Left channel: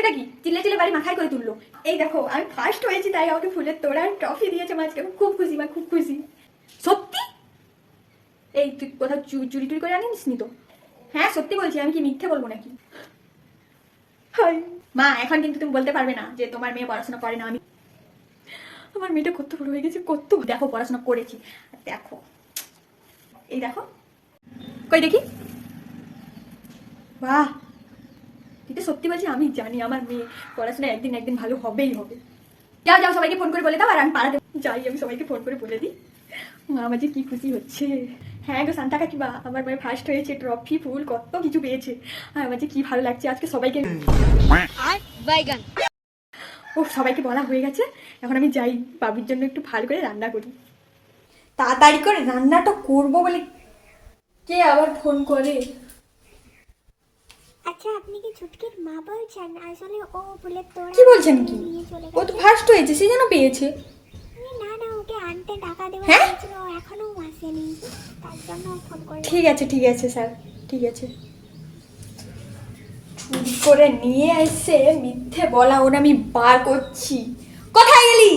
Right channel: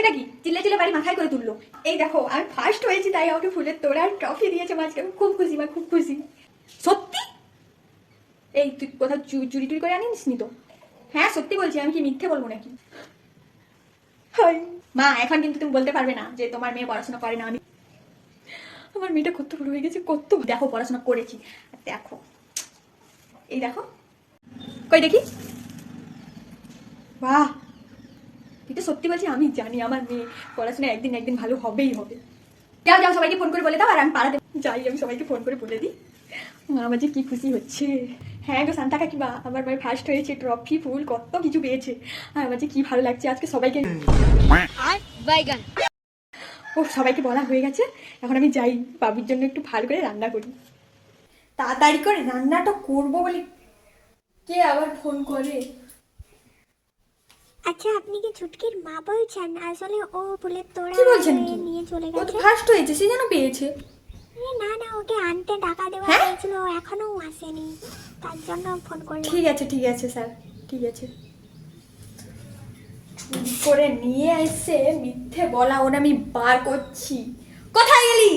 হয়েছেটা কি? চিল্লে চিল্লে বাড়ি মাথায় করে তুললো। এই দেখো আমি ফার্স্ট হয়েছি, তাই আমাকে ফুলের তোড়া আর ট্রফি দিয়েছে মাঝে। আমি খুব খুশি মা, খুব খুশি সত্যি। এই তুই কোথাও চুরি টুরি করে আনিস নি তো? হ্যাঁ সত্যি বলছি, আমি কি মিথ্যে বলবো নাকি? হাই মা, এখন কিন্তু তুমি বলতে পারবে না যে তোমার মেয়ে পড়াশোনা করে না। আমি আমার মেয়েটা কত বড় হয়ে গেছে, কত দেখো পড়াশোনা করেছি। দেখো এই দেখো, কই দেখি। বাহ, এটা সত্যি বলছি, আমি জানি আমার মেয়ে পড়াশোনা একদিন একদিন ভালো হবেই হবে। যাও যাও, সবাইকে ফোন করে বলে দাও, আর আমি পাড়াতে যাই, আমি সবাইকে ফোন করে বলে দিই। মা আমার যে কি খুশি হচ্ছে। হ্যাঁ গো শান্তা কাকিমা, আমার মেয়ে ফার্স্ট হয়েছে, ট্রফি ফুল কত কিছু পেয়েছে। আর আমার যে কি ভালো লাগছে আজকে সবাইকে। ও সবাইকে বলা হয়ে গেছে, এখন আমি যাই বাবুর জন্য একটু ভালো করে রান্না করি। তাড়াতাড়ি করে রান্নাটা করবো বলে কে আবার ফোন করে। আচ্ছা আপনি কি ছুটকির মা বলছেন? আসলে ও ফুলের তোড়া কি বলছেন কি? নিয়ে চলে ও তো গেছে। ফার্স্ট হয়েছে, সে যেন পেয়েছে। না না, ওকে আনতে টাকা দেওয়া হ্যাঁ? হয়েছিল, এখনো আসেনি, তার জন্য ফোন করলাম। ঠিক আছে স্যার, ঠিক আছে। চুরি করে নিয়ে এসে মিথ্যে বলা, ওরা আমি বার করছি। কোথায় গেলি?